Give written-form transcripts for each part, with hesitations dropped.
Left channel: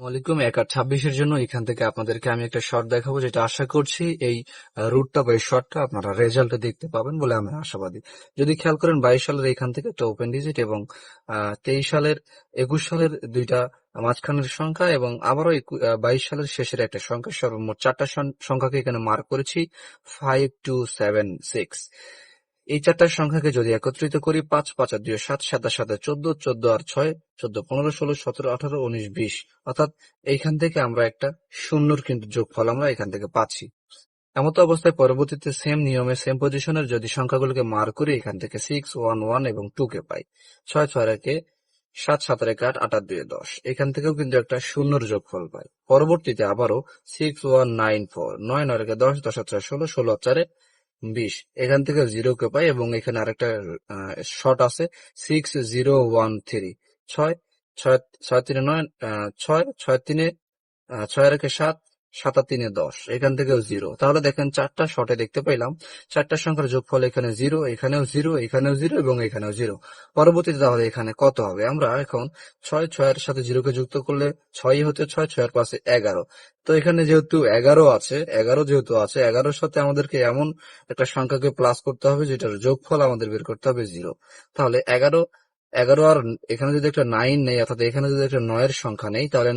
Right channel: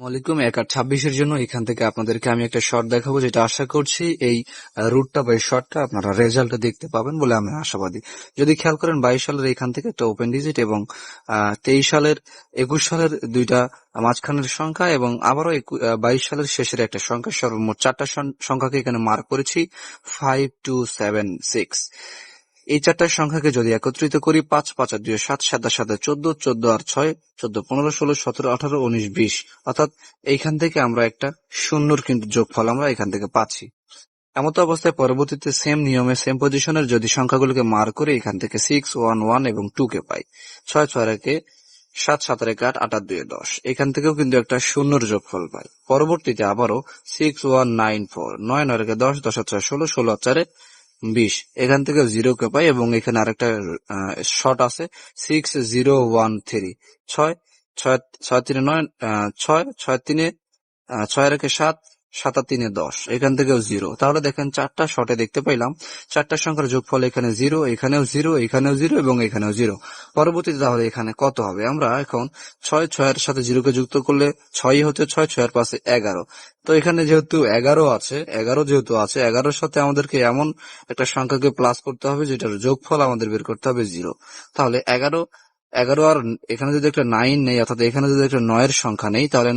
ওয়ালাইকুম 1 আর 26-এর জন্য এখান থেকে আপনাদেরকে আমি একটা শর্ট দেখাবো, যেটা আশা করছি এই রুটটা বা এই শর্টটা আপনারা রেজাল্টটা দেখতে পাবেন বলে আমি আশাবাদী। যদি খেয়াল করেন 22 সালের এখান থেকে একটা ওপেন ডিজিট এবং 23 সালের 21 সালের দুইটা মাঝখানের সংখ্যা এবং আবারও 22 সালের শেষের একটা সংখ্যা, সর্বমোট 4টা সংখ্যাকে এখানে মার্ক করেছি 5276। এই 4টা সংখ্যাকে যদি একত্রিত করি 5 5 আর 2 7 7 আর 7 14 14 আর 6 14 15 16 17 18 19 20, অর্থাৎ এইখান থেকে আমরা একটা শূন্যর কিন্তু যোগফল আমরা এখান থেকে পাচ্ছি। এমতো অবস্থায় পরবর্তীতে সেম নিয়মে সেম পজিশনের যদি সংখ্যাগুলোকে মার্ক করি এখান থেকে 6 1 1 এবং 2 কে পাই। 6 6 একে 7 7 একে 8 8 আর 2 10, এখান থেকেও কিন্তু একটা শূন্যর যোগফল পাই। পরবর্তীতে আবারও 6 1 9 4 9 9 একে 10 10 আর 6 16 16 আর 4 20, এখান থেকে 0 কে পাই এবং এখানে আরেকটা শর্ট আছে 6013 6 6 6 3 9 6 6 3 6 আর 7 7 আর 3 10, এখান থেকেও 0। তাহলে দেখেন 4টা শর্টে দেখতে পাইলাম 4টা সংখ্যার যোগফল এখানে 0, এখানেও 0, এখানেও 0 এবং এখানেও 0। পরবর্তীতে তাহলে এখানে কত হবে? আমরা এখন 6 6 এর সাথে 0 কে যুক্ত করলে 6 হচ্ছে 6, 6 এর পাশে 11। তো এখানে যেহেতু 11 আছে, 11 যেহেতু আছে, 11-র সাথে আমাদেরকে এমন একটা সংখ্যাকে প্লাস করতে হবে যেটার যোগফল আমাদের বের করতে হবে 0। তাহলে 11 11 আর এখানে যদি একটা 9 নেই, অর্থাৎ এখানে যদি একটা 9-এর সংখ্যা নেই, তাহলে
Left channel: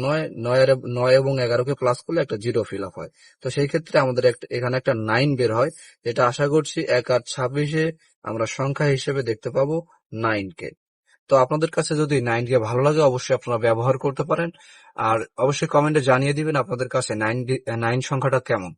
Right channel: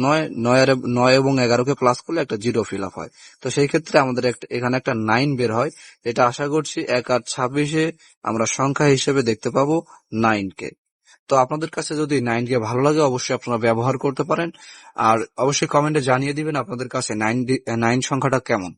9 এবং 11-কে প্লাস করলে একটা 0 ফিল আপ হয়। তো সেই ক্ষেত্রে আমাদের এখানে একটা 9 বের হয়। এটা আশা করছি 1 আর 26-এ আমরা সংখ্যা হিসেবে দেখতে পাবো 9 কে। তো আপনাদের কাছে যদি 9 কে ভালো লাগে অবশ্যই আপনারা ব্যবহার করতে পারেন, আর অবশ্যই কমেন্টে জানিয়ে দিবেন আপনাদের কাছে 9 সংখ্যাটা কেমন।